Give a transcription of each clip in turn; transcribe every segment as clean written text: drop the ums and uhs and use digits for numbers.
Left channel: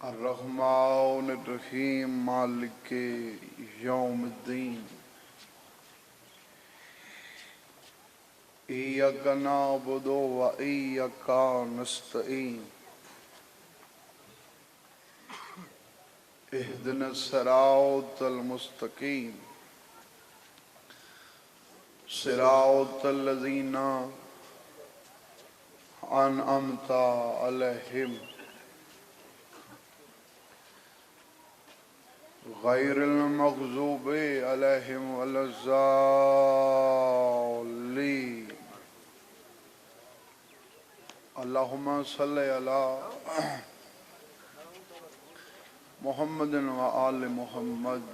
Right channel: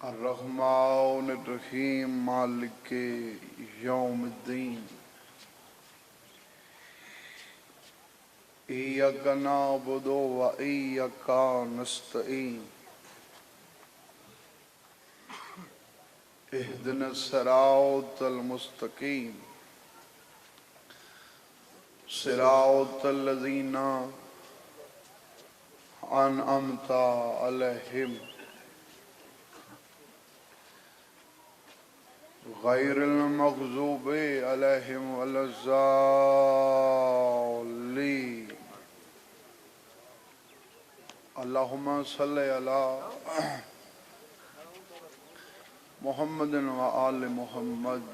الرحمن الرحیم مالک یوم الدین ایاک نعبد و ایاک نستعین اہدنا الصراط المستقیم صراط الذین انعمت علیہم غیر المغضوب علیہم ولا الضالین اللہم صلی علی محمد و آل محمد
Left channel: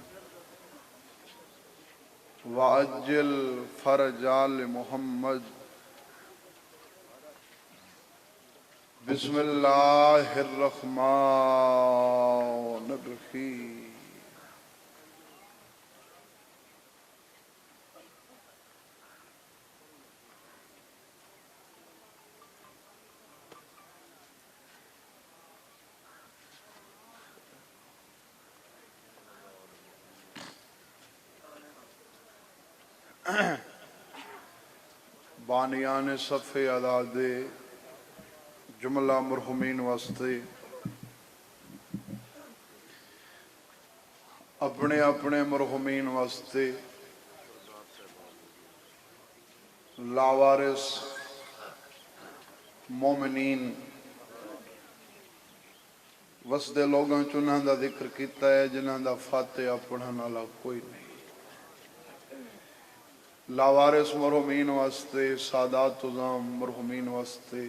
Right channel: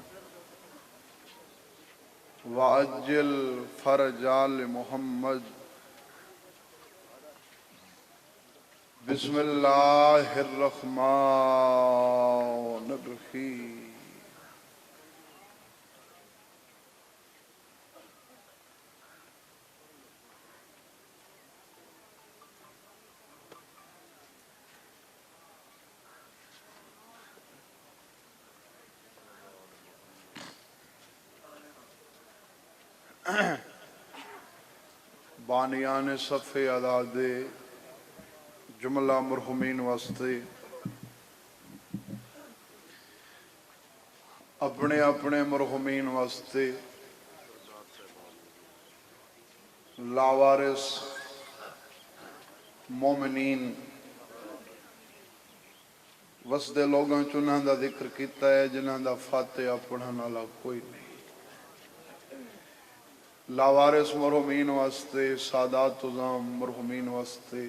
وعجل فرج آل محمد بسم اللہ الرحمن الرحیم بانیان صف اعداد جملہ مرحومین واسطے اپنے اپنے مرحومین واسطے لاوارث مومنین وسدے لوگوں چنہاں دا ذکر کیتا ہے جنہاں دا فاتحہ پڑھن والا کوئی نہیں لاوارث مرحومین واسطے سادات عظام مرحومین واسطے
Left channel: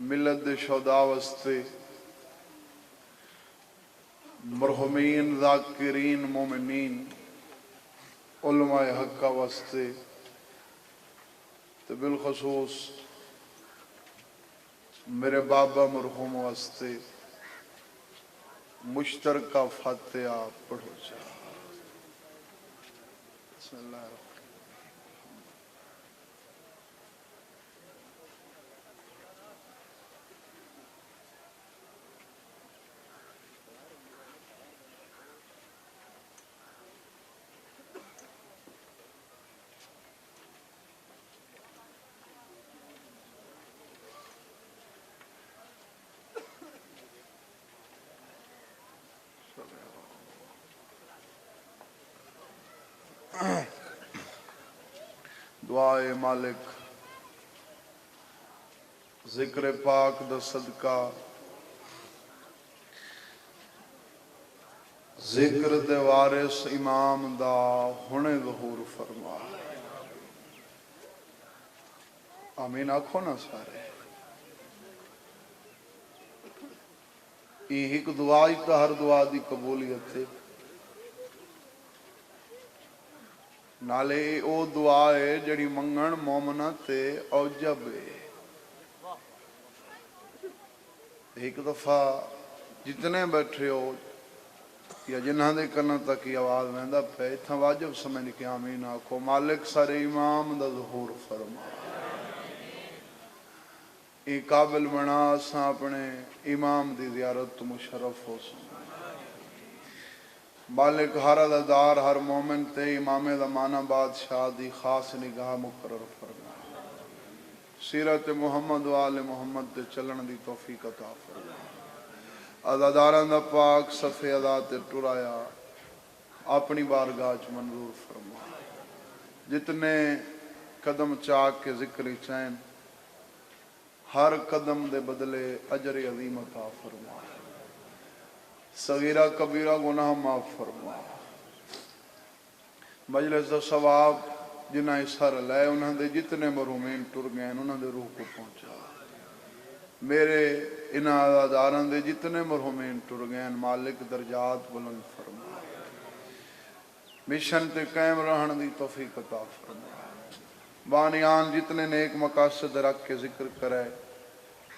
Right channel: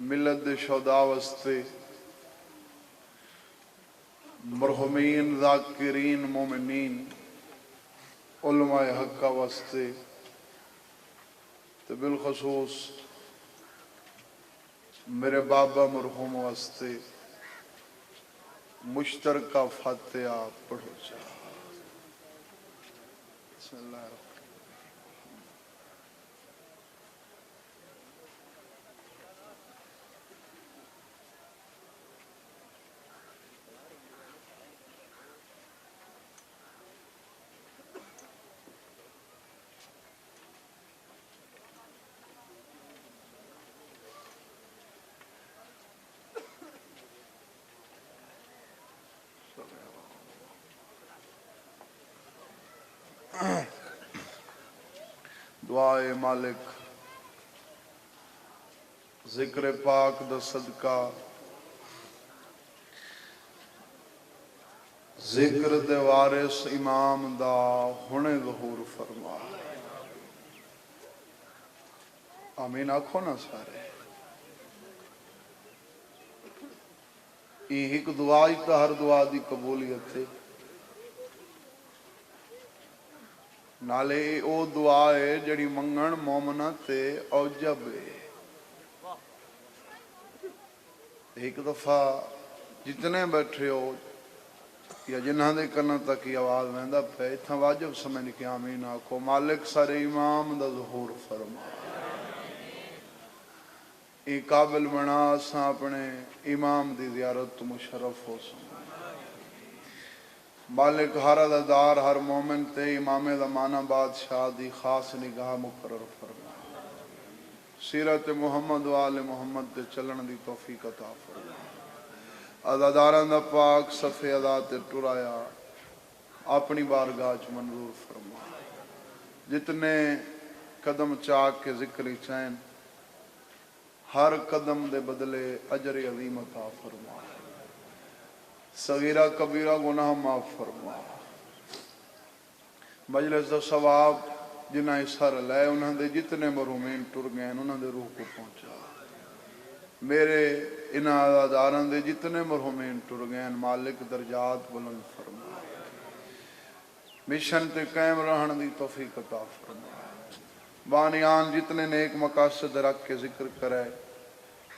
ملت دے شہداء واسطے مرحومین ذاکرین مومنین علماء حقہ واسطے تو بالخصوص میرے بابا مرحوم واسطے مشترکہ فاتحہ پڑھو جا بسم اللہ الرحمن دعائے مالک ذکر پاک دا صدقہ ذکر دے وارث امام دا ہونے ظہور فرما آمین آکھو نا سارے ایک دعائی تا ہر دعا دی قبولیت ہے نالے او دعا ہے جڑی منگن مومنہ تے اوجب ہے ایک دفعہ جتنے بیٹھے ہو یا جنہاں دے کرنا تک کی آواز ویندہ پہ اتنا واجب سمجھ کے آمین آکھو مالک سارے امام دا ظہور فرما ایک قابل بنا ساں اپنے امام دی زیارت مشرف ہو سن مالک ہر عددار ہر مومن تے امام زمانہ بادشاہ دی خاص نگاہ مقرر فرما سیرت محمد و آل محمد تے چلن دی توفیق عطا فرما عدداراں دا پاک صفحے ادا تے ٹرایا اپنی بارگاہ چ منظور فرما جتنے قدم چاک کے ذکر چین ہر قدم دے بدلے اجر عظیم عطا فرما صغیرہ کبیرہ گناہ معاف فرما مجلس دا ثواب جنہ اثر لائے انہاں دے جتنے مرحومین ٹر گئے انہاں دے روح کو پہنچا میرے انہاں عزاداران دے جتنے مرحومین ٹر گئے مالک درجات بلند فرما مشن تے قائم رہن دی توفیق عطا فرما بانیان جتنے نیک مقاصد رکھ کے ذکر کرے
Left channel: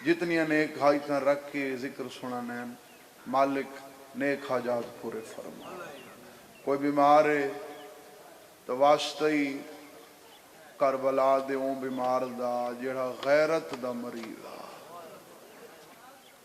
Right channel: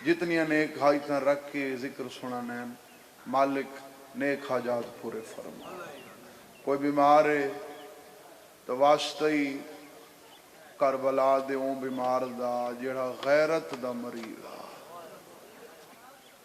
جتنی نیک حاجتاں رکھ کے ذکر سنانین مالک نیک حاجات پورے فرما کوئی بیمار ہے تو واسطہ ہی کربلا دے اون بیمار دا جڑا غیرت دا مریض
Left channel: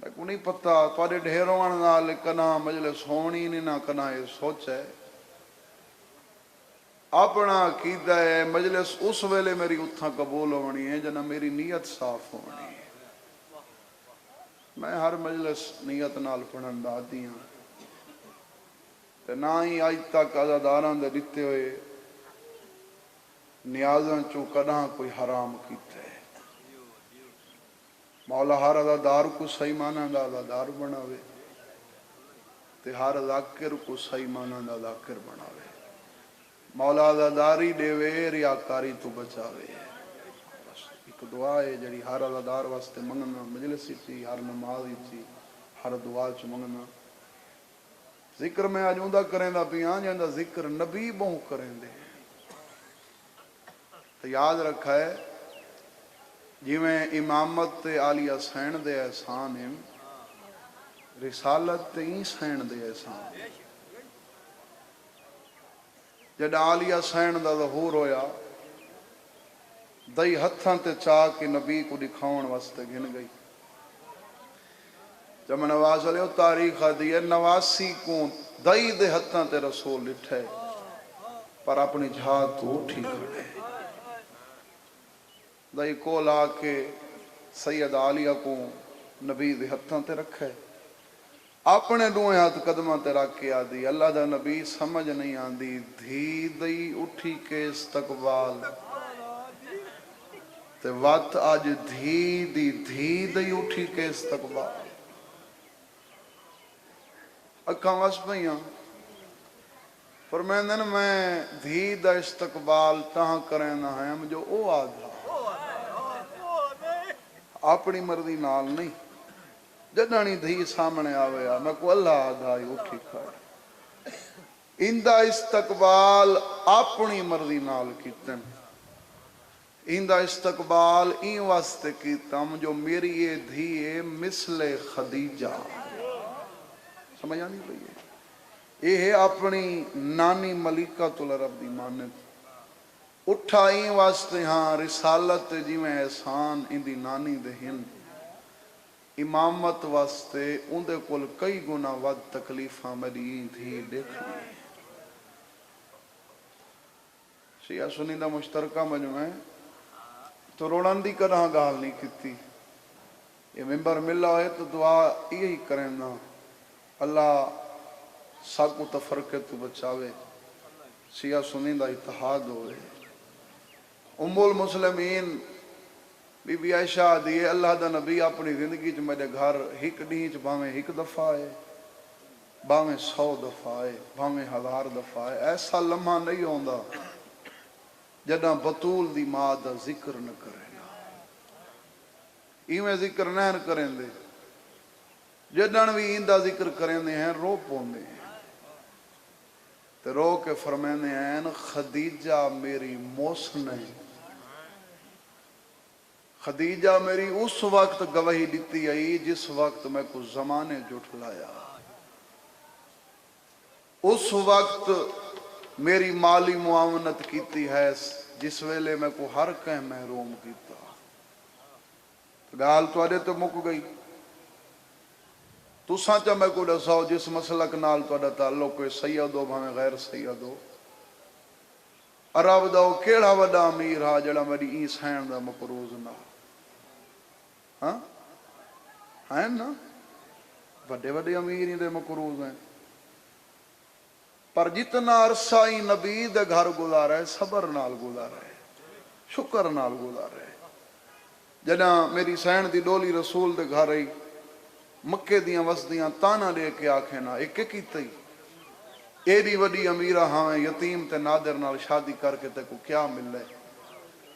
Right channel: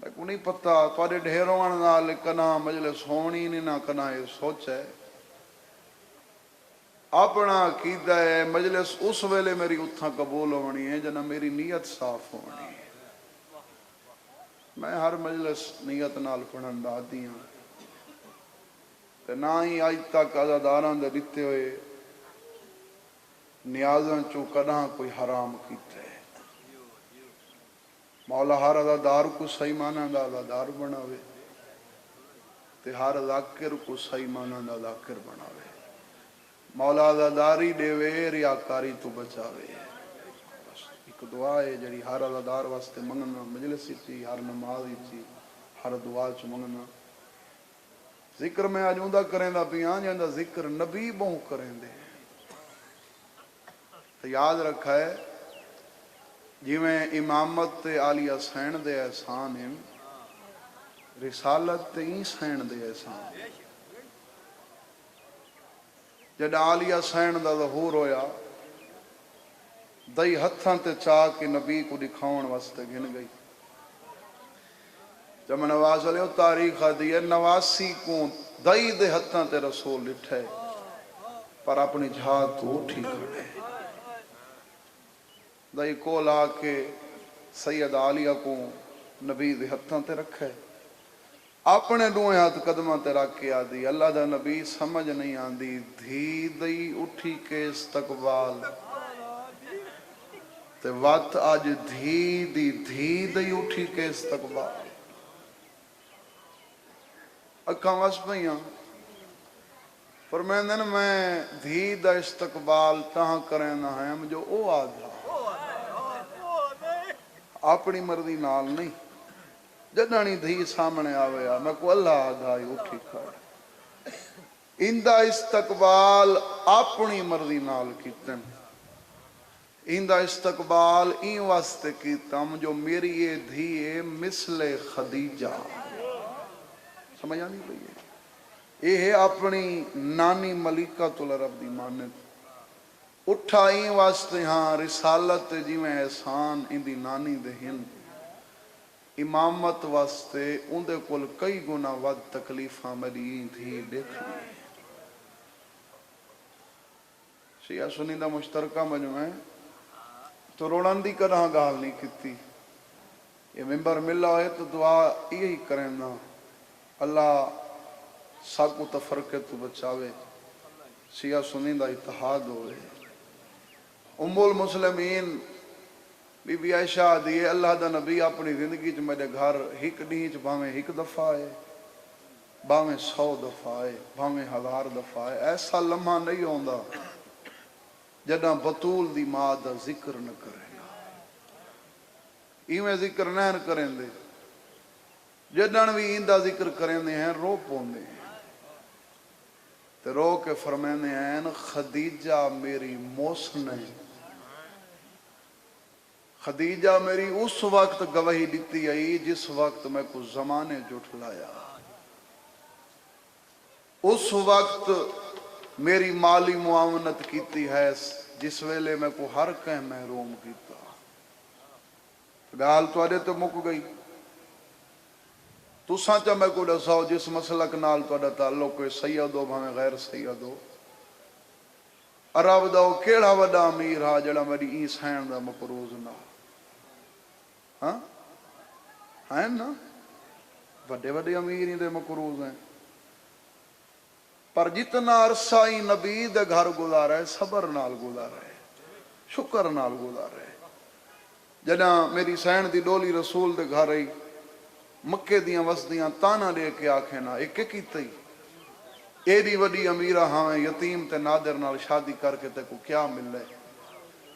میں کو نہیں پتا تھوڑے ڈھیروں نال کنا مجلس ہونی نہیں نہ کنا یہ سوچ ہے اپنا عقیدہ ہے مجلس اس ویلے میری اتھاں قبول ہونی ہے جنا میری نیت صاف ہونی ہے میں ہر مجلس نیت نال پڑھن دا عادی ہاں تے نہ ہی اج تک عزاداراں دے دتے ہوئے نیازاں چوں کداں کوئی حرام کیتا ہے مولا ہر عزادار کو صحیح معنی دا عزادار بناوے تے ہر ذاکر کو صحیح معنی دا ذاکر بناوے مولا عزاداری دے وے ریاکاری تو بچاوے بس ایک دعا ہے جڑی ہر عزادار واسطے منگنا مجلس چی ہر نماز چی ہر دعا چ منگنا ذکر میں اج اوندا کریں دا پیاں جاندا ذکر نبی بہوں کریں دے تو یاد رکھا ہے جویں امامت تے عالی حسین دے احسان ہیں رسالت تے حسین دے احسان جڑا عالی حسین دا ظہور ہویا دئی ہتھاں تے چاہ کے نبی کو دکھاؤن واسطے گھن گئی جب نواز علیہ تاریخ دی ہے 89 کو دئی دے ہتھاں تے رسول لٹھے پر اپنی جھا تو اٹھی کھڑے دئی کو لا کے سید عالیہ کو نبی دے ہتھاں تے رکھے اپنے دوئے ہاتھ قدمہ تے رکھ کے آدھی اللہ دا نبی سمجھ نہیں آندی دھی دئی اٹھی کے استقبال تے وقت آج دھی دئی اٹھی کے استقبال اکھاں وس پئیاں فرمیندے میں دھی دا استقبال تاں کریں نہ ہے جو او آدھا اپنی مرضی نال نہیں جدانی دھی سامنے آویا میں کو اللہ آدھا ہی اٹھی کھڑا اندہ استقبال اپنی مرضی نال کیتن اندہ استقبال این واسطے کیتم جو میری یہ دھی مثل خدیجہ سمجھ آنی پئی ہے یہ ہے اپنی نانی ملکۃ العرب دی مانت اٹھا این واسطے ہاں رسالت جی میں احسان ان دی نانی دے ہن امامت واسطے ان دے کل کئی گنا ود تکلیفاں میری دھی دیکھنی شیعہ سنی دا مشترکہ مجمع ہے تو روڑن دی کداں گال نہیں کیتی یہ ممبر ملا ہے تو دعا یہی کریں نا اللہ ساکو تفرقے تو بچاوے شیعہ سنی دا اتحاد ہوئے ام المسلمین بی بی عائشہ دیئے اللہ دا نبی اپنی زندگی چ میرے گھر ہک ڈیں چ بھاویں ہک دفعہ ہے بھاویں 100 دفعہ ہے بھاویں 1000 دفعہ ہے ایسا لمحہ نہیں ہوندا جداں بطول دی ماں دا ذکر نہ کرے ایویں ذکر نہ کریں دے جدن بھی ایندہ ذکر کریں دے ہیں رو پوندے ہیں تے رو کے فرمیندے ہیں خدیجہ میری موسن ہے خدیجہ میری اس وقت گواہی دیتی آئی جس وقت میں کو زمانے جھٹلایا اس وقت میری مالی معاونت کیتی ہے جس ویلے میں کو ہر کہیں محروم کیتا گال تو آدھے تو مک گئی تو سانچہ میں کو دساؤ جس مسلک نال تو آدھا تعلق کوئی سید ہو بھامیں غیر سید ہو عرب داؤ کیڑا وڈا امیر ہا جڑا میری این سین دا مقروض نہ ہاں ہیں نا وڈے وڈے امیر ہی دے مقروض ہیں پر جتنا عرصہ ہی نبی دے گھر گزارا ہے صبر نال گزارا ہے شکر نال گزارا ہے جداں میری سین دی ڈولی رسول دے گھر آئی مکے دیاں وسدیاں تانا لے کے آکھے نا ایک کیتا ہی ایڈی وڈی امیرہ ہاں یتیم تے نادر نال شادی کر کے تے کو کیا مل لے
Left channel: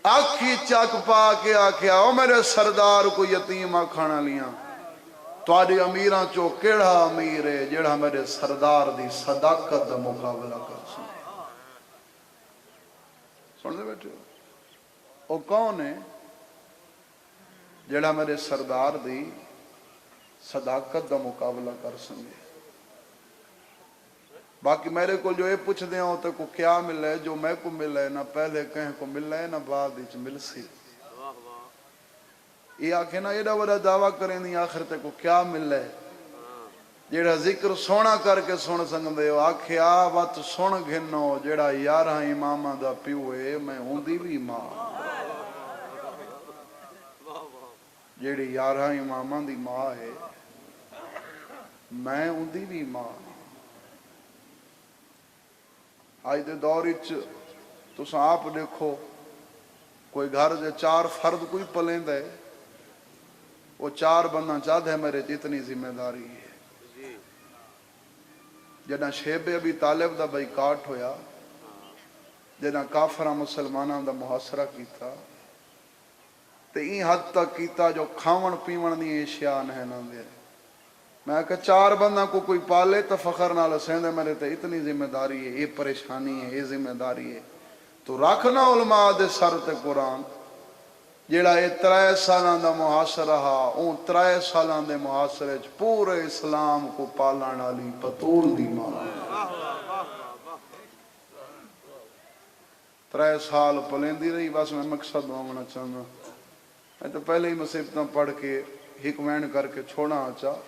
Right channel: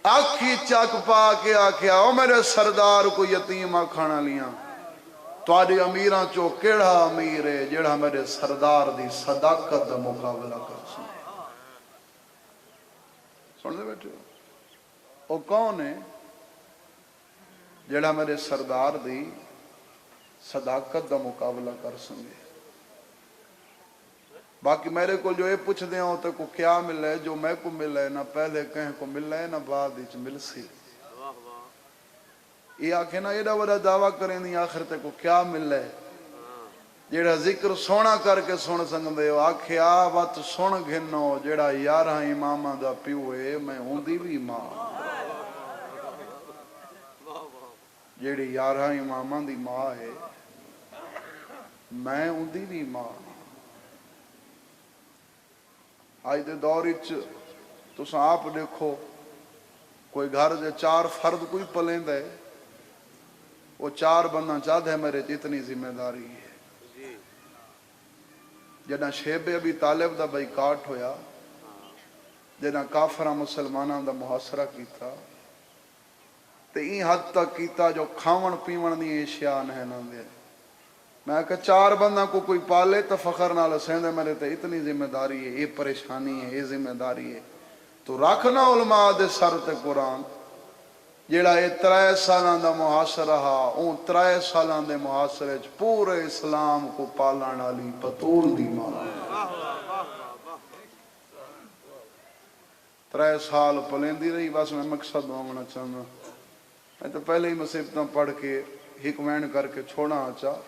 آکھی چاک پا کے آکھیا او میرے سردار کو یتیم آکھانا لیاں تو آدھی امیران چو کیڑا امیر ہے جیڑا میرے سردار دی صداقت دا مقابلہ کر سن دے بیٹھے او کون ہے جیڑا میرے سردار دی صداقت دا مقابلہ کر سنگے باقی میرے کو جو یہ پوچھ دیں ہوتے کو کیا مل ہے جو میں کو مل ہے نہ پہلے کہیں کو مل ہے نہ بعد اچ مل سی یہ آکھے نا ایڈا بڑا دعویٰ کریں دی آخر تے کو کیا مل ہے جیڑا ذکر سونا کر کے سن سکدے ہو آکھے آ وات سن گھنو جیڑا 11 اماماں دا پیو ہے میں ہوندی بھی ماں جیڑی 11 اماماں دی ماں ہے میں ہوندی بھی ماں آج دے دور وچ تساں آپ دیکھو کوئی گھر دے 4 فرد کوئی پلیند ہے وہ 4 بندہ چاہتے ہیں میرے اتنی ذمہ داری ہے جنہ شیب ابی طالب دا بائیکاٹ ہویا جنہ کافرہ مسلمانوں دا محاصرہ کیتا تے این حد تک کیتا جو کھاون پیون دی اشیاء نہیں نہ دے میں کہ 4 بندہ کو کوئی پالے تو فخر نال سیندے میرے تے اتنی ذمہ داری ہے یہ پریشانی ہے یہ ذمہ داری ہے تو رکھنا علماء دے سر تے قرآن جیڑا یہ 3 سالاں دا محاصرہ ہا اون 3 سالاں دے محاصرے چ پورے اسلام کو پالن والی بطول دی ماں 3 سال پلیندی رہی بس میں مقصد ہونا چاہنا میں تو پہلے ہی مصیبتاں پڑھ کے حکمین کر کے چھوڑا چاہ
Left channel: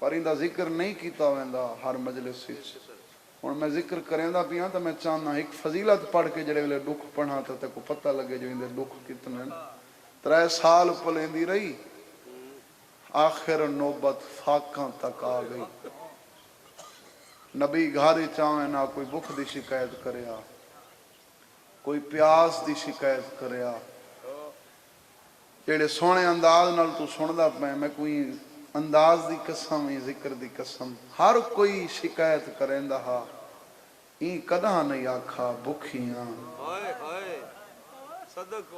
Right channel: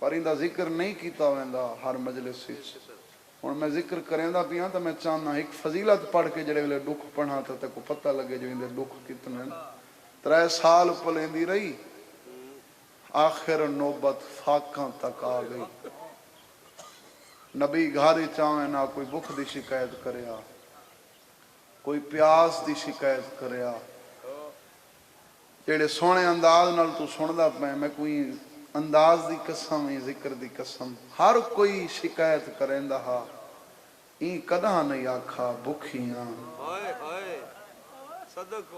پر ان دا ذکر نہیں کیتا ویندا ہر مجلس وچ ہن میں ذکر کریندا پیاں تو میں چاہنا ایک فضیلت پڑھ کے جڑے ویلے دکھ پڑھا تے کو پتہ لگے جو ان دے دکھ کتنے 3 سال پلیندی رہی آخر نوبت فاقاں تک آ گئی نبی گھر چاہے نہ کوئی بھوک دی شکایت کریا کوئی پیاس دی شکایت کریا جڑے سونے انداز نال تو سندا پے میں کوئی انداز دی قسم ذکر دی قسم ہر کوئی شکایت کریندا ہا این کداں نہیں آکھا بھکھیاں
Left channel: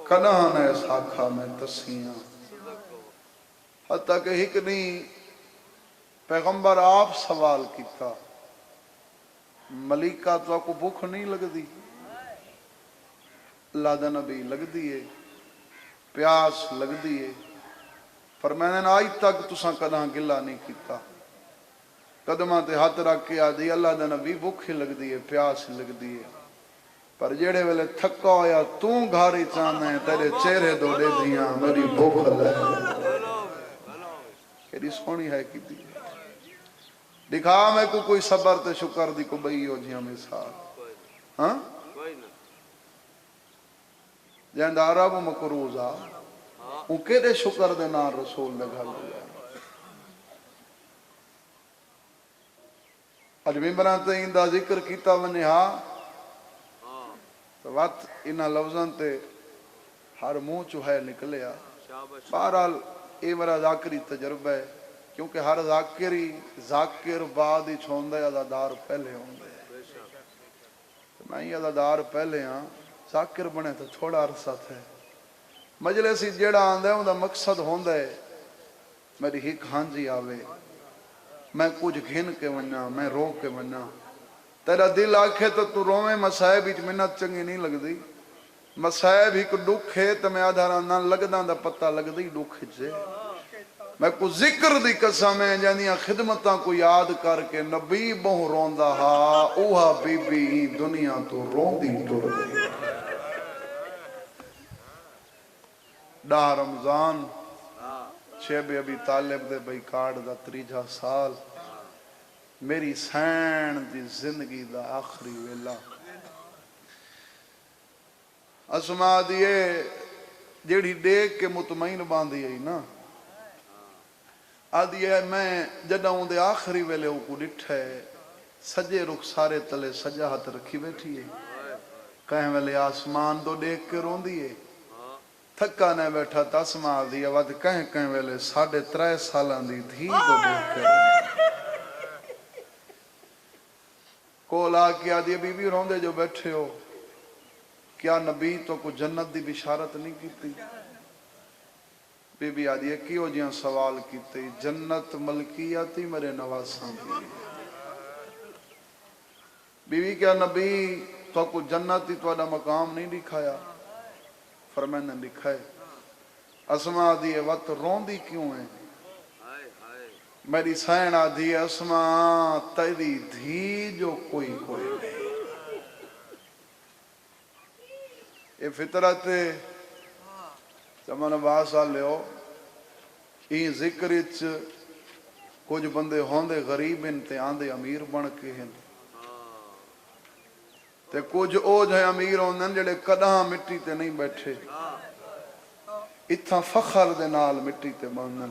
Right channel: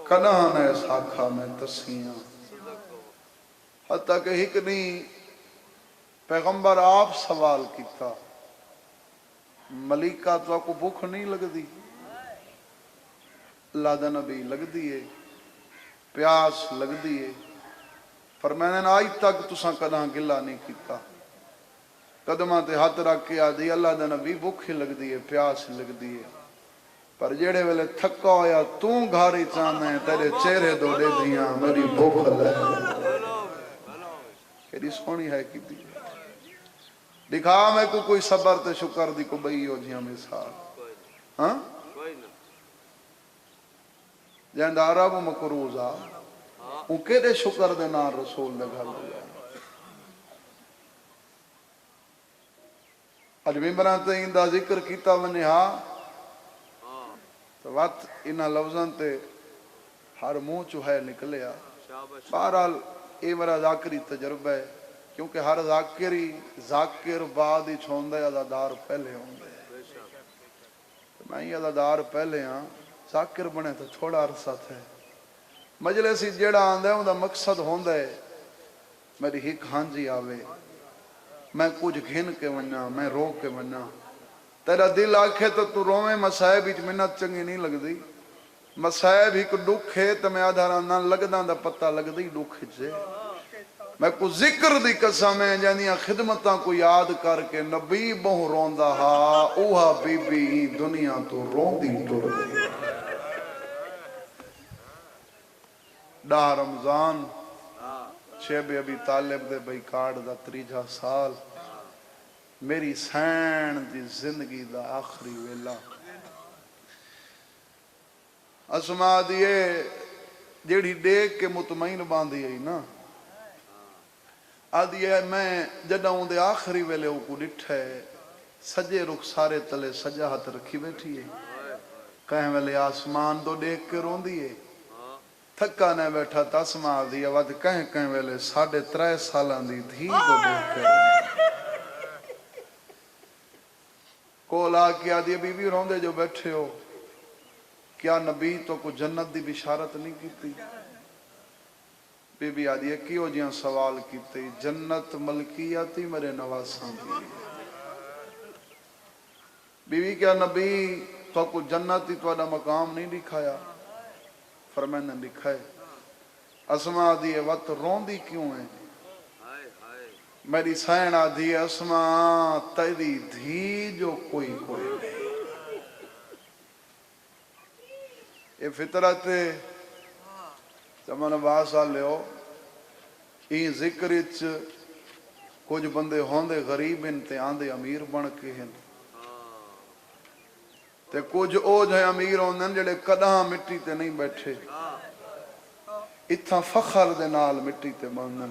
کداں نہیں آکھا میں تسیاں حتیٰ کہ ایک نہیں پیغمبر آپ سوال کیتا ملیکہ تو کو بھوک نہیں لگ دی اللہ دا نبی لگ دیئے پیاس لگ دیئے پر میں نے آج تک تساں کداں گلہ نہیں کیتا قدمہ تے ہاتھ رکھ کے آدھی اللہ دا نبی بھوک ہی لگ دیئے پیاس لگ دیئے پر جیڑے ویلے تھکا ہویا توں گھاری چاہنا ہے تیرے چہرے دو دے دیاں میری بھوک لے کیڑی سونی ہے کی دی دکھا میں کو کوئی صبر تے شکر دی کو بئی ہو جیاں مثال ہاں جہاں عرب مکروزہ ان کے دے شکر دے نار رسول نے گھر دیا اج ممبران تے اندہ ذکر کیتا ونی ہاں تو وقت انہا لفظاں تے ہر منہ چوہے نکلیا بہرحال اے میرا ذاکری تجربہ ہے کیونکہ ہر ذاکر بعد ہی چھوندے عزادار پہلے ہوندے میں ہی عزادار پہلے ہاں ذاکر بنے تو چھوڑا عرصہ تھے مجلسی جیڑا آندے ہوں دا مقصد ہوندے میری ہک ہانجی آوے میں کچھ گھن کے وننا میں رو کے وننا تیرا دل آکھے تو رومیں مسائب ہی منت چنگی نہیں لگ دی مسائب ہی کو دکھ ہے تو میں آدھارا نہ لگداں دا پتہ لگ دی دکھ جے میں کو ذکر دی قسم ہے جانیاں خدمتاں کو یاد کر کے نبی بہو روندہ ہا اوہا بی بی دنیا تو روندی ٹر گئی ڈاہ رمضان شیب ابی طالب دے بائیکاٹ دا 3 سال میری سین دی زندگی دا آخری ویلا اسما دیئے جیڑی دیکھ کے مطمئن باندھی ہے نا آدھی ہے میں جدہوں دے آخری ویلے ہوں کو ڈٹھے سجے رخ سارے تلے سجا ہاتھ رکھی بیٹھی ہے کہیں ویلے آسمان تو دیکھ کے رون دیئے تھکا نے بیٹھا تاسما دیا وقت کہیں ویلے 3.5 سالان دی دھی کو دیکھ کے کولا کیا دی بی بی روندے جو بیٹھے ہو کیا نبی تو کو جنت دی بشارت نہیں کیتی بی بی آدھی ہے کیوں جیاں سوال کیتے جنت ملکیاتی میرے نواساں دی بی بی کیا نبی تو کو جنت ہی تو مقام نہیں دکھایا فرمائن نے دکھائے اسما دیئے وقت روندی کیوں ہے میری سین آدھی ہے اسما تیری دھی جو کوئی نہیں یہ فطرت زمان 12 سال لے ہو ਇਹ ਜ਼ਿਕਰ ਵਿੱਚ ਕੁਝ ਬੰਦੇ ਹੋਂਦੇ ਗਰੀਬ ਹਨ ਤੇ ਆਂਦੇ ਅਮੀਰ ਬਣ ਕੇ ਹਨ ਤੇ ਕੁਝ ਉਹ ਜਿਹੇ ਅਮੀਰ ਹੁੰਦੇ ਨੇ ਜਿਹੜੇ ਕਦਾਂ ਮਿੱਟੀ ਤੇ ਨਹੀਂ ਬੈਠੇ ਇੱਥਾਂ ਫਖਰ ਦੇ ਨਾਲ ਮਿੱਟੀ ਤੇ ਬੰਨਣ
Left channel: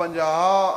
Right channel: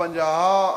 50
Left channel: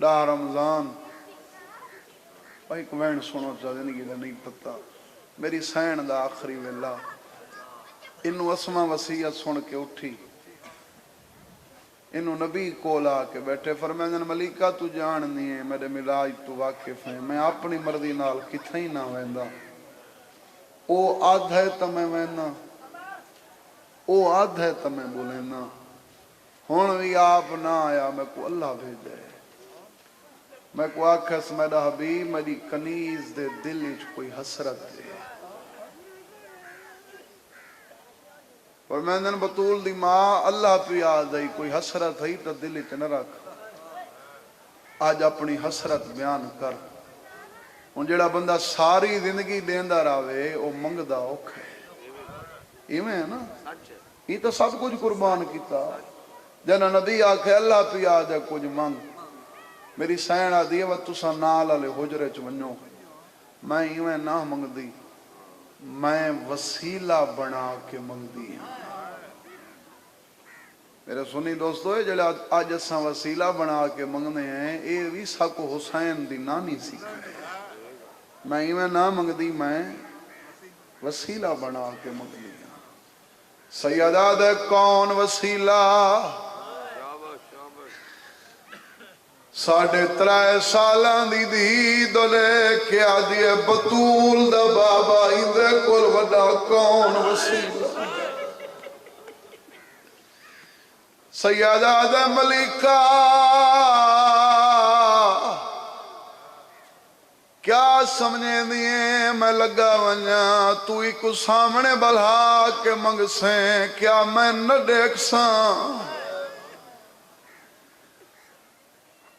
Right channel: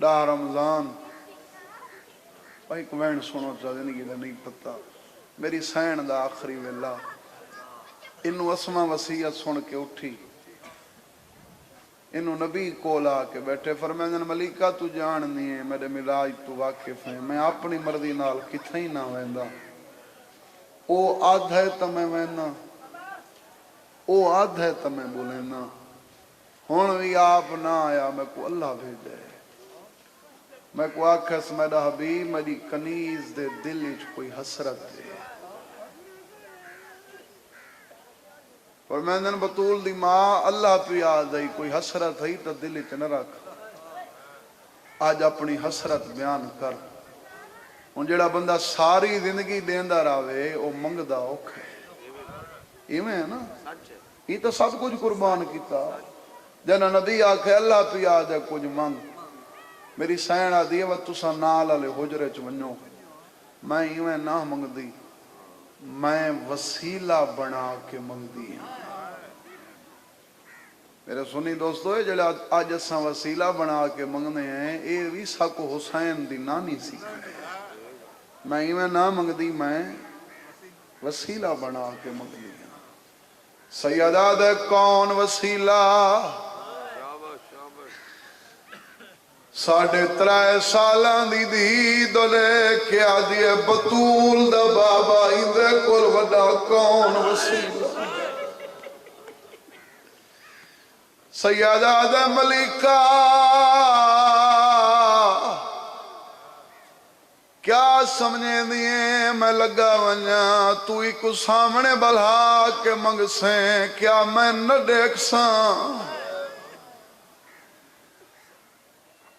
ڈاہ رمضان بھائی کوین سنو چاہ زندگی دا نہیں پتا میری سین دا آخری ویلا انہوں اسما وصیت سن کے اٹھی انہوں نبی کول آ کے بیٹھے فرمائیں ملیکہ تو جاننی ہے میرے ملاج تو واقف ہیں میں اپنی مرضی نال کتھے ہی نہ ویندا او آدھ ہے تو میں وینا او آدھ ہے تو میں بولینا ہون بھی آپ نہ آیا میں کو اللہ بھیجے میں کو آکھس میرا حبیب میری کنیز دے دل وچ کوئی حسرت دے اور میں نے بطول دی ماں اللہ پہ یاد آئی کوئی حسرت ہے تو دل وچ نہ رکھ آج اپنی حسرت بیان کر ہن جڑا بندہ ساری زندگی دیندا رہے او منگدا اوکھا ہے ایویں ہے نا یہ تو سب کچھ قربان کیتا جنا نبی آکھے اللہ پہ یاد ہے کچھ منگ میری سین آدھی ہے وہ تسا نال والے حجرے چ ونجو میں ایویں نہ منگدی میں وسیلہ بنا کے منگدی ہوں میرے سنی دوستو ہے جڑا آج اساں وسیلہ بنا کے منگنے ہیں اے بھی ساکو حسین دی نانی سکھائے میں ایویں نہ منگدی میں وسیلہ بنا کے منگدی ہوں سیدہ دے کون وسیلہ ساڑھے 3 سالان دی دی دولے کیا دیئے بطول دا بابا اندرے کل وڈا کون وسیلہ سیدہ دا ملکہ کیا سمجھے دیئے میں لگا ونیا تو ہی کو سامنے بلہا کے منگ سیں کیا میں نہ دیکھ ساں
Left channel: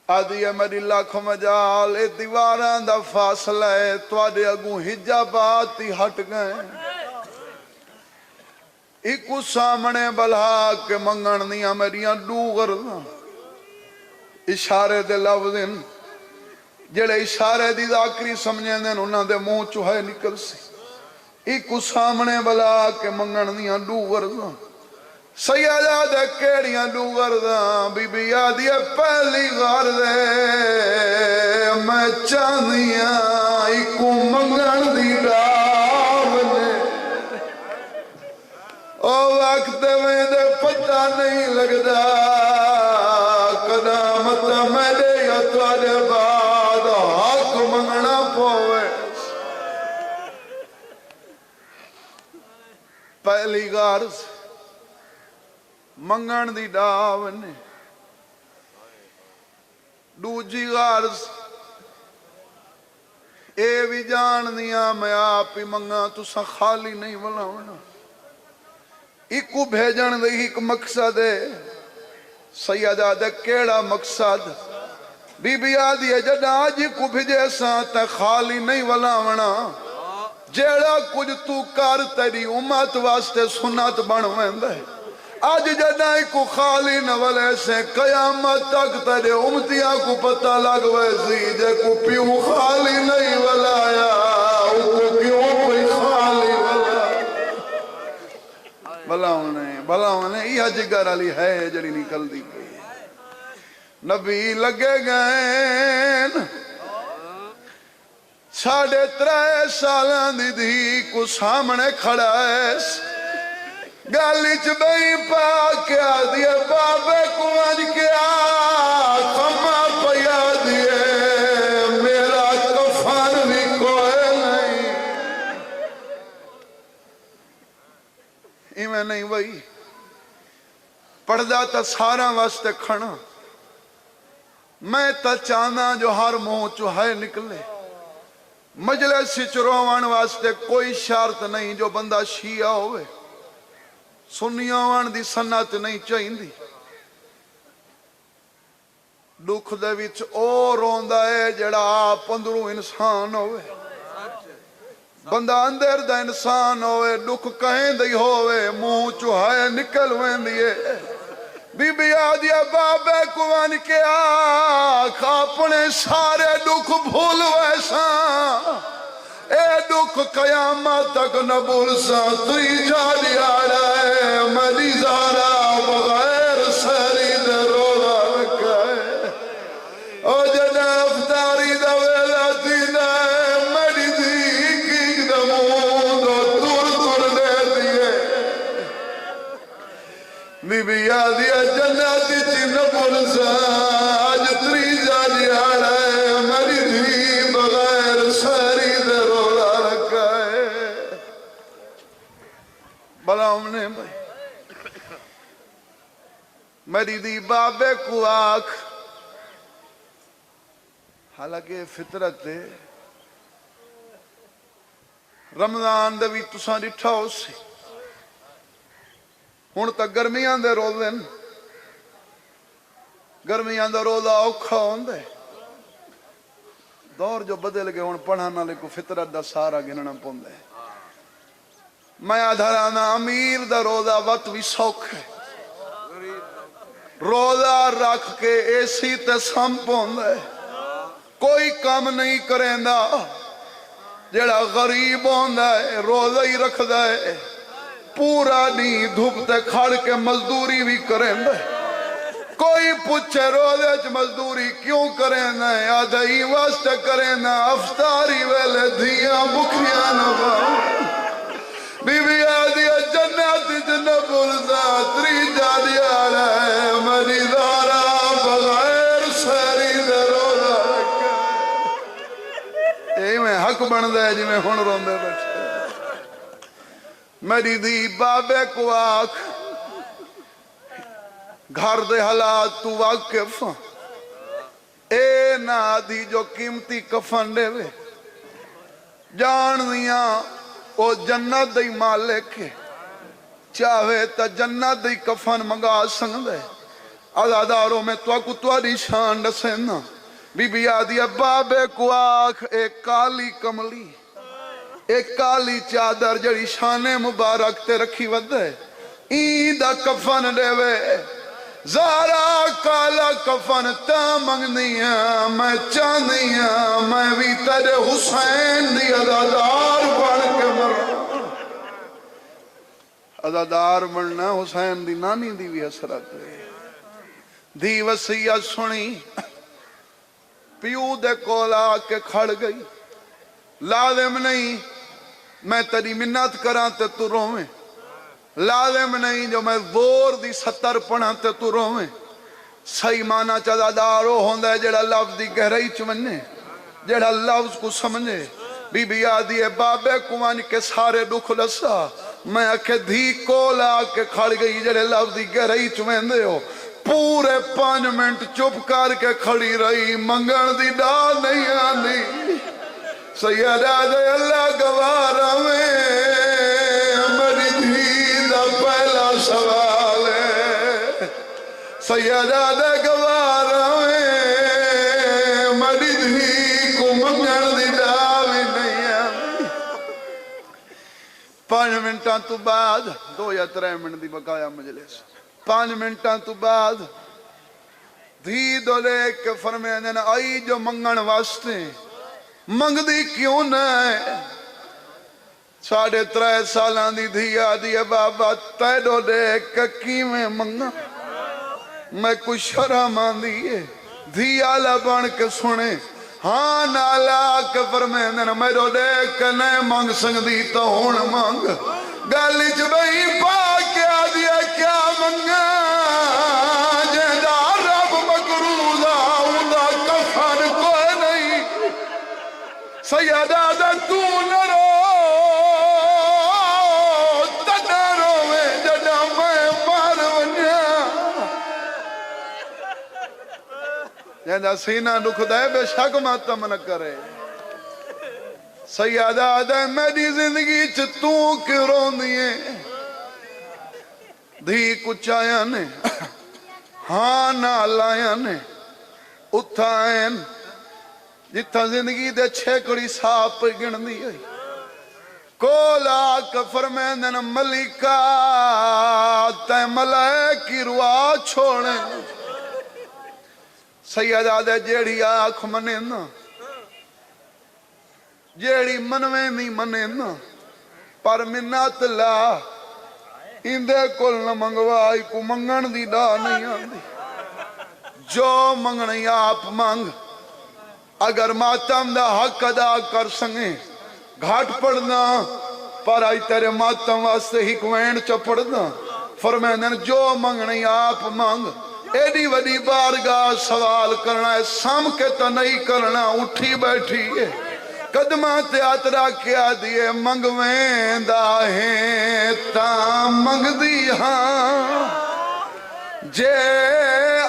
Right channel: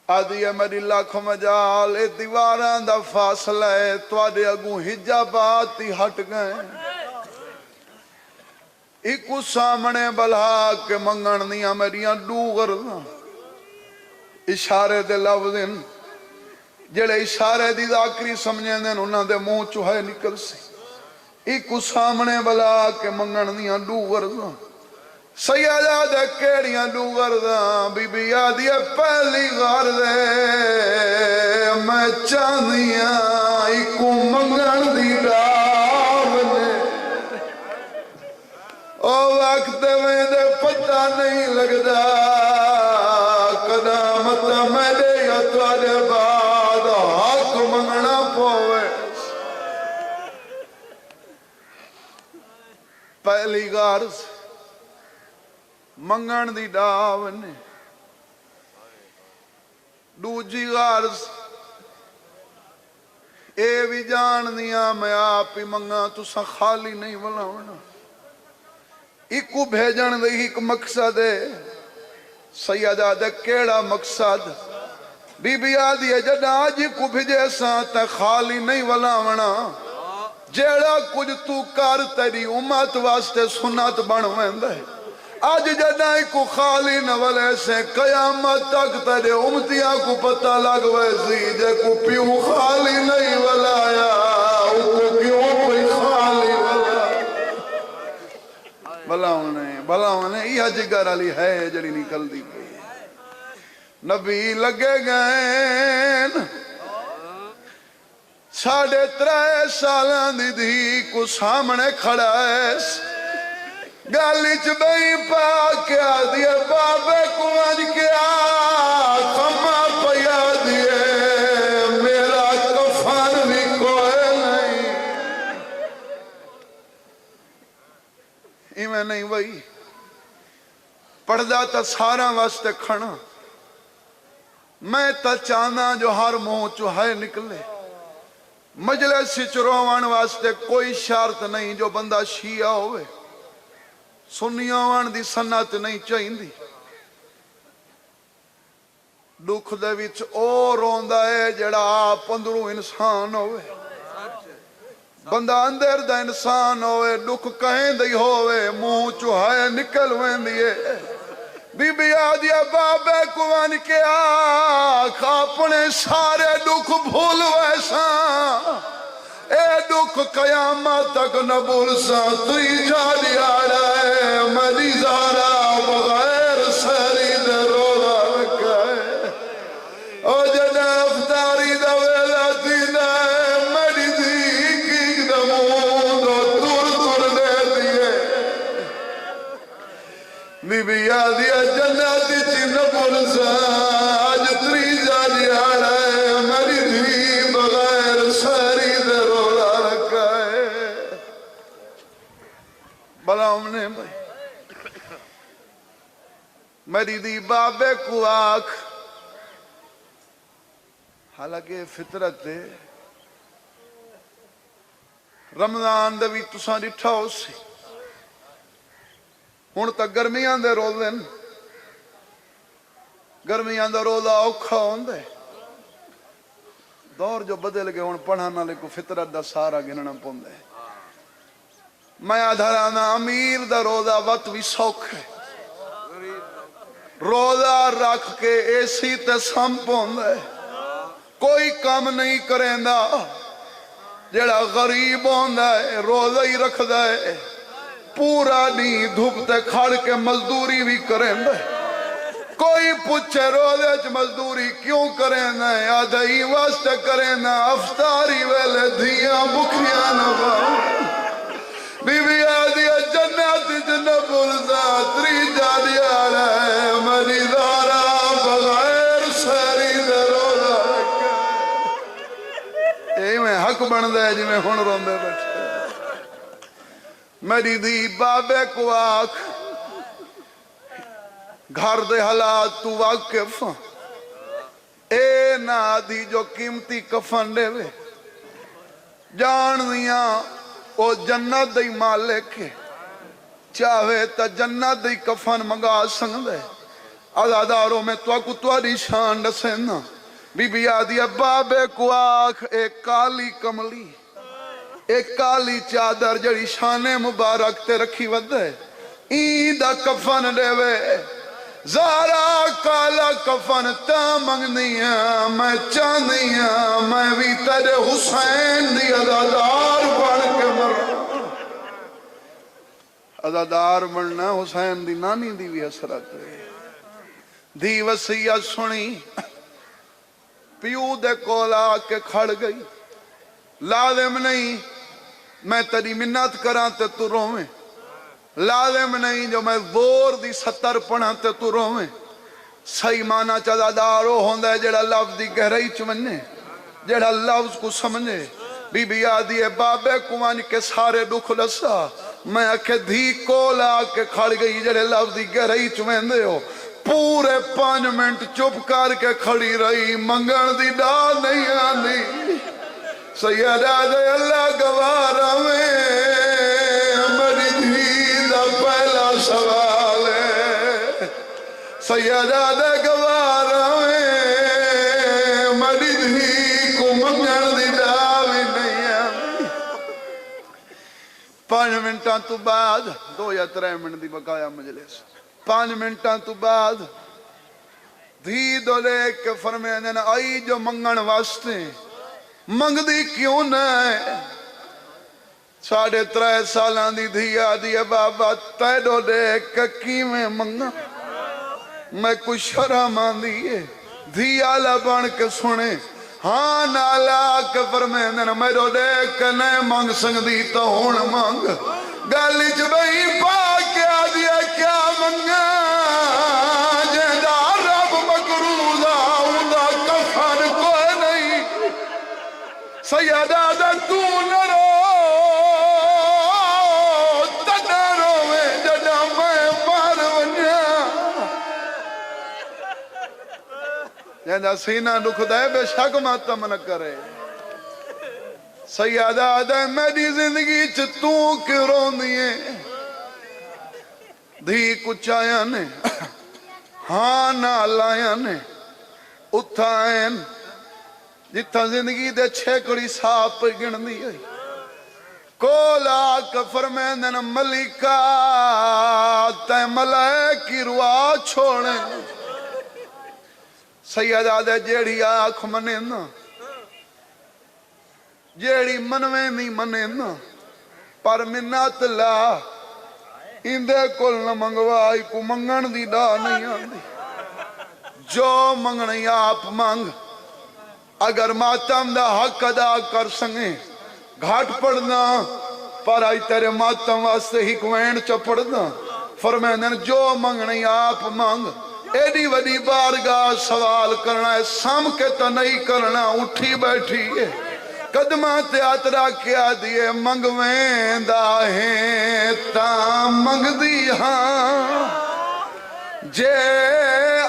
آدھی ہے میری لاکھ مجال اے دیواراں دا فاصلہ ہے توڑے اگوں حجابات ہی ہٹ گئے ایکو سامنے بلہا کے منگن دیاں میریاں ڈوگر اشارے دے لفظن جڑے اشارے دی ذاکری سمجھیں دیں انہاں دے منہ چوہے نکل سی ایکو سامنے بلہا کے منگن دیاں ڈوگر سیدہ دے کیڑیاں ڈوگر داں بی بی آدھی پہلی غار دے میں چاندیاں ایکو منگن دی ڈاونے او وقت میں دے پتہ نہیں لگدا قدامت میرے یا توڑے بعد حق منگنا پوے پہلی غار سے منگن دی ڈاونے دوجی غارز اے بھی جان دیا میں آپ ہی منگا تو سا خالی نہیں بلاونا ایکو بھیجن دے ایک مقصد ہے سیدہ دے کیڑا مقصد بی بی آدھی ہے جڑا آج کو بھیجے ساں تے خالی نہیں بلاونا جیڑا کچھ تو کر تیری امت واسطے سنت بنویں دے آج جدائی کو خالی نولے سے قیامت تک تیرے امتیاں کو پتہ لگ ویسی جے کو پیو خالی نہیں ولایا کو کیوں کوئی خالی بلاؤنے یہ جگر علی ہے جڑی نکل دی گئی نبی لگے گئے 3.5 سالان دی دی کو سامنے کھڑا ہے گالی چبئی پا کیا دیے بابے کو آج کیا کھما پیا دیے میرا کفن بھی کوئی نہیں ایمیں نہیں وہی پڑھدا تا سارا واسطے کھڑا میں تا چانا جو ہر منہ چوہے نکلے مجلس چروان واسطے کوئی شرط نہیں جو بندہ شیعہ ہوئے سنیاں دی سنت نہیں چاہیے دی دکھ دے وچ او روندا ہے جڑا آپ اندروں انسان ہوئے بندہ اندر دا انسان ہوئے دکھ کہیں دی ہوئے منہ چوہائے نکل وین دیئے بی بی آدیا بابے کو ان کے آکھ اپنے سارے دکھ بھول ویساں اے دکھ قیامت تک نبول سا تری جاڑی آرائے ملی زارا بغیر سری دے روزہ رکھائے او میری دی بابے کو آکھ حالانکہ فطرت ہے رمضان دے بھی تساں ڈٹھا ہو سی ہن تک گرمیاں دے روزے گرمیاں دا روزہ اوکھا ہوندا ہے دور جو بدل گئے ہن پڑھن والے کو فطرت دا سارا گننا پوندا ہے میں آدھرانا امیر دا روزہ وقت بھی سوکھ ہے روزہ رکھ کے ایسی تے سم پوندا ہے کوئی کام نہیں کریندا جڑا غریب ہوندا ہے روزہ ہی رکھدا ہے پورا نہیں دھوپ تے کھڑ کے مزدوری بھی کریندا ہے کوئی پوچھے روزے چ مزدوری کیوں کریندا ہے آدھائی واسطے کریندا افطاری ویلے دھیاں بکھیاں نہ کھاؤ بی بی آدھی جنت جنب الزاتری جالی آرہ ہے میری دارا بغیر سری دے روزہ رکھے اے میں حق بن دے جی میں ہن روندے بیٹھے میری دی بابے کو آکھ گھر دے حالات تو واقف اے نا دی جو قیمتی کفن دے وے جان دیاں او جنت دی مالک ہے چاہے تا جنت دی کفن منگا سکدے عزاداروں میں تو کو تواڈی شان دسینا بی بی آدھی بابے کو آکھ اے کالی کملی ایک کالی چادر جڑی شان مبارک تے رکھی ودے این دا کفن دے وے زارا کالا کفن تا منگنی ہے میں چاندی ہے میں بھی تیرے حسین دی عزادار بن کے مرا عزادار بننا حسین دی نانی دی بھی حسرت ہے دی وصیت سنی پیو دے کولا کے کھڑ گئی لازم نہیں میں تیری منت کراں تے تو روویں لازم نہیں جو میں زور دی 70 پڑھاں تے تو روویں صحیح معنی چزادارو ہوندا ہے جڑا لفظ دی گہرائی چ ونے جڑا لفظ کو سمجھے بی بی آدھی بابے کو ون کے سارے دکھ دسا میں آکھے دھی کولا کے کھڑ گئی جڑے لفظ دی گہرائی چ ویندے ہو پورے 5 منٹ چپ کر کے کھڑی رہی منگن دی ڈا نہیں آندی سیدہ دے اللہ گوارا میں میری دھی دا پہلا سوال ہے سیدہ دے گوارا میں میری دھی کو منگن دی ڈا بھی نہیں آندی 5 منٹاں تو بعد 2 یا 3 منٹ دی بقایا مجلس 5 منٹاں تو بعد دھی دو لے کے فرمینے آئی جو منگن واسطے منگ دی کیوں نہ ہے 3.5 سالاں دی دھی آدھی بابا تیڈو دے ککی میں منگا میں کچھ شرم آندی ہے دھی آلہ بن کے سنے ہاں نالا کے فرمینے میرو دے کے نہیں منگ سکتی تو ہون منگ گالی چ بھئی پا کے آدھی کیا منگا جہدہ رب مقروضہ اوندا کفن کوئی نہیں سیدہ دا تو نہ رو تنہ روے جڑا میں مار ونیا جہدہ سینہ دکھ دے بے شک ماتم نہ کرے سیدہ دا میری زندگی چ تو کیوں روندی ہے دھی کچھ آیا نے ہاں نہ لایا نے اتھائن جتھا زندگی دے 6 کڑی ساپ گن دی ہے کولا کفر میں دن ملکہ تے ملائکی روا چھوڑے سیدہ دے جیڑی آنکھ منے نا جیڑی منویں نہیں منے نا پر منت لا اندے کل نہ منگوائی کو منگن دی ڈا نہیں آندی جو منگنی آپ منگ اگر ماتم دا حق ادا کر سنگے گھاٹ پڑھنا پر آئی تیرے ماتم واسطے ہی کوین چا پڑھنا فرمائن جو منگنی آپ منگ ایڈی وڈی بارگاہ سوال کرنا ہے سام کے تا نہیں کرنا اٹھی بیٹھی ہے قدمہ تیاترہ کیا دیئے منگویں دا ہیں تا منگ دی ہاں جے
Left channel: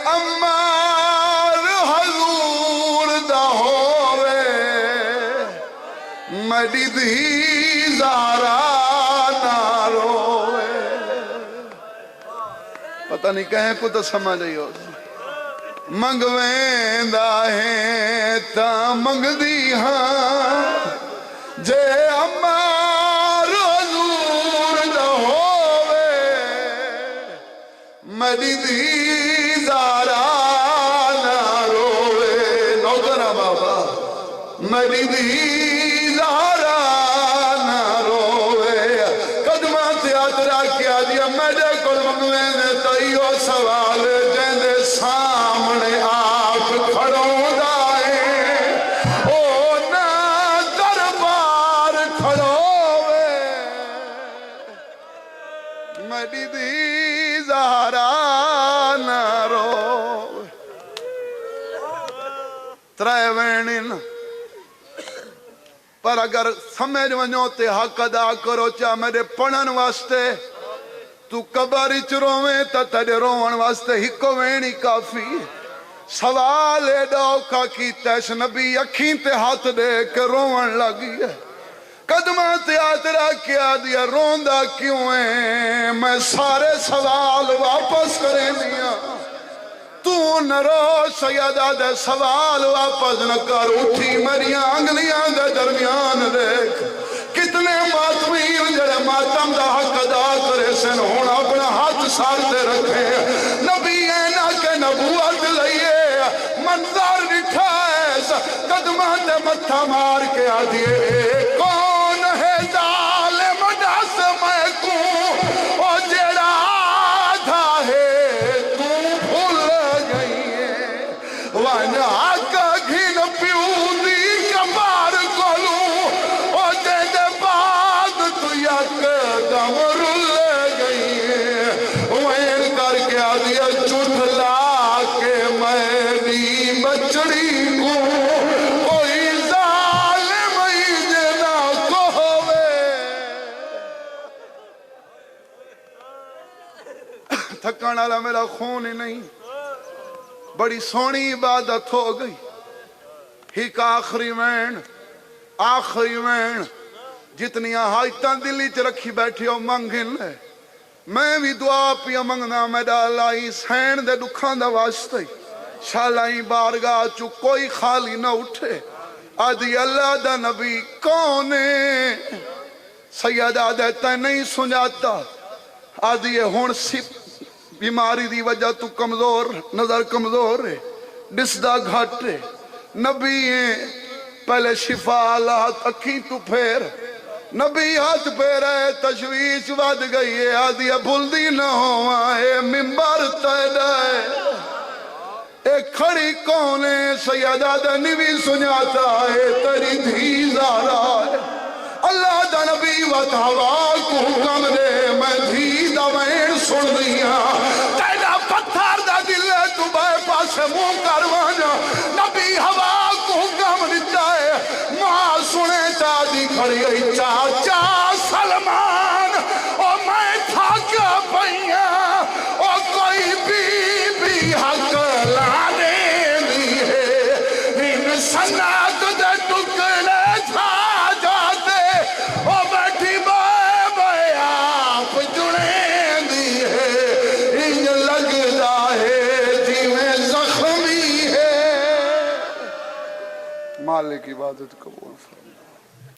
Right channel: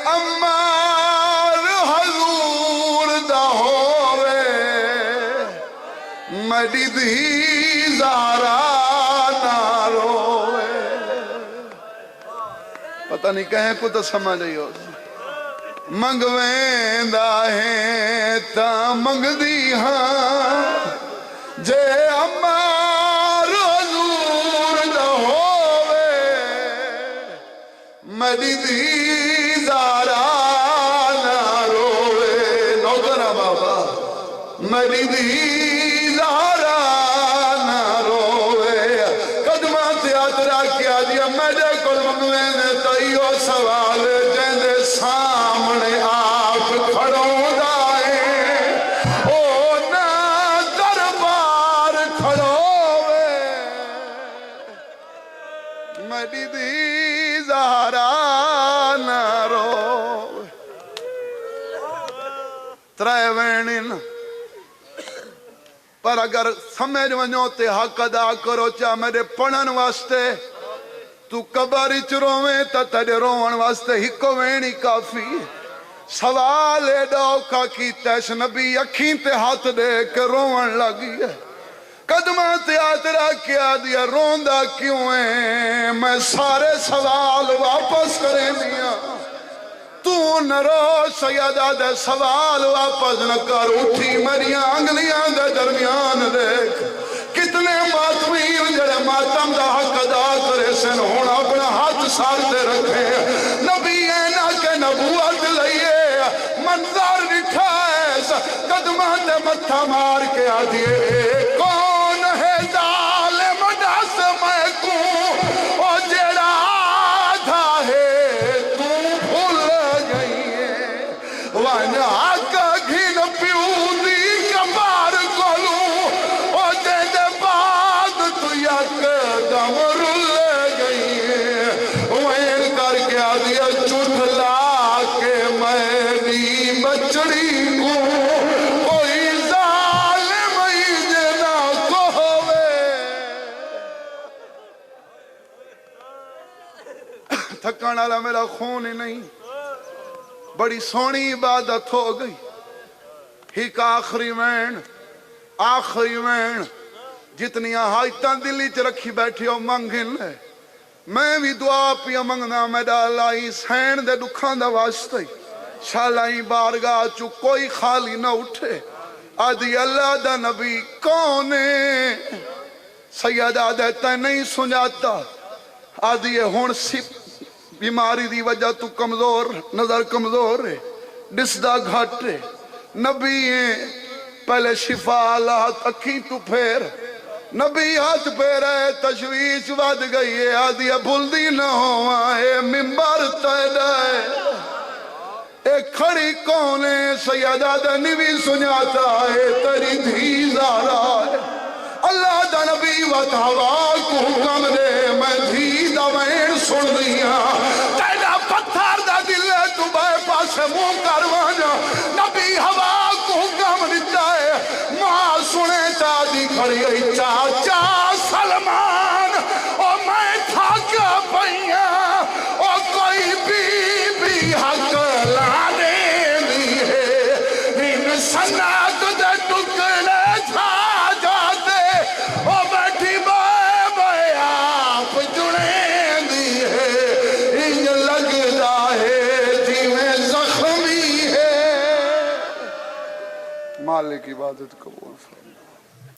عمار حضور دا ہووے میری دھی زہرا نہ روے پتہ نہیں کہیں کو تو سمجھ رہی ہو منگویں دا ہے تا منگ دی ہاں جے عمار حضور دا ہووے میری دھی زہرا نہ روے نوکرہ بابا میری دھی زہرا نہ روے قدمہ تیاترہ کیا دیا میرے کل منگویں نے تائیو سوال جیندے سامنے آپ کھڑوں دائیں او نا دربار کھڑوے میری دی زہرا نہ روے ترائے وینن پر اگر سمجھ ونجو تے حق ادا کرو چاہ میرے پڑھن واسطے تو قبر چ روویں تا تیرے روون واسطے ہکو وینی کافی سوال ڈوکھا کیتا اس نبی اکھیں تے ہاتھ دے کے روون لگی ہے قدمہ تیاترہ کیا دیا روندہ کیوں ہے میں سارے سوال واپس کریں دیا تو نہ رو سیدہ دے سوال واپس نہ کر اٹھی مریاں انگلیاں دے درمیان دیکھ کتنے ماتمین جڑے ماتم دا حق ادا کرے سن ہونا اپنا ہاتھ سارتے رکھے نبی اینا کے نبوت لئیے منظر نٹھائے قدمہ تے متھا مار کے آدھئے کون ہے ظالم ڈس میں کوں او جڑا آدھا ہے تو بھول گئیے وانہ حق گھن پیو دی کبار کولوں او دے دے بعد تو یک دم رل گئیے وین کر کے آدھیا چٹھلا کے میری بچڑی کو کوئی ظالم ہی جنا کو ہوئے تھکانا لا میرا خون ہی نہیں بڑی سونی عبادت ہو گئی ہیک آخری وین جتنی حاجتاں دلی چ رکھی بیٹھی ہو منگن لے میں بھی دعا پیا منگنا میرا لائی سین دے دکھاں دا واسطے شالائی بارگاہ چو کوئی خالی نہ اٹھے آدھی اللہ دا نبی کونے سیدہ دیتا نہیں سنجاتا آدھی یہ ہون بیماری دی وجہ تو کمزور نظر کمزور ہے ڈسدہ گھٹ ہے نبی پہلے شفا اللہ اکھی تو پھیر نبی ہاتھ پھیرے تشویش ود گئی ہے آدھی بھلدی نہ ہوئے ممبر تیدائے ایک کھڑی کونے سیدہ دا نبی سنیاتا ہے تیری دھی زہرا ہے اللہ دا نبی وطہوا کو حکم دے میں دھی دا وین سن دیا تیرا پتھر دا دل ہے تو بے پاس منہ کروانا نبی ہوا کو حکم دیتا ہے ماں سنے چاہدی کھڑی گئی چاچا سلمان او میں تھاک پئیا او کوئی بی حق لانے لی ہے ان سنات دے ٹکڑے چھا جاتے او بیٹھی بے آپ جڑے دی ہے ان لگتا ہے جیویں زخمی ہے مالک عبادت قبول فرما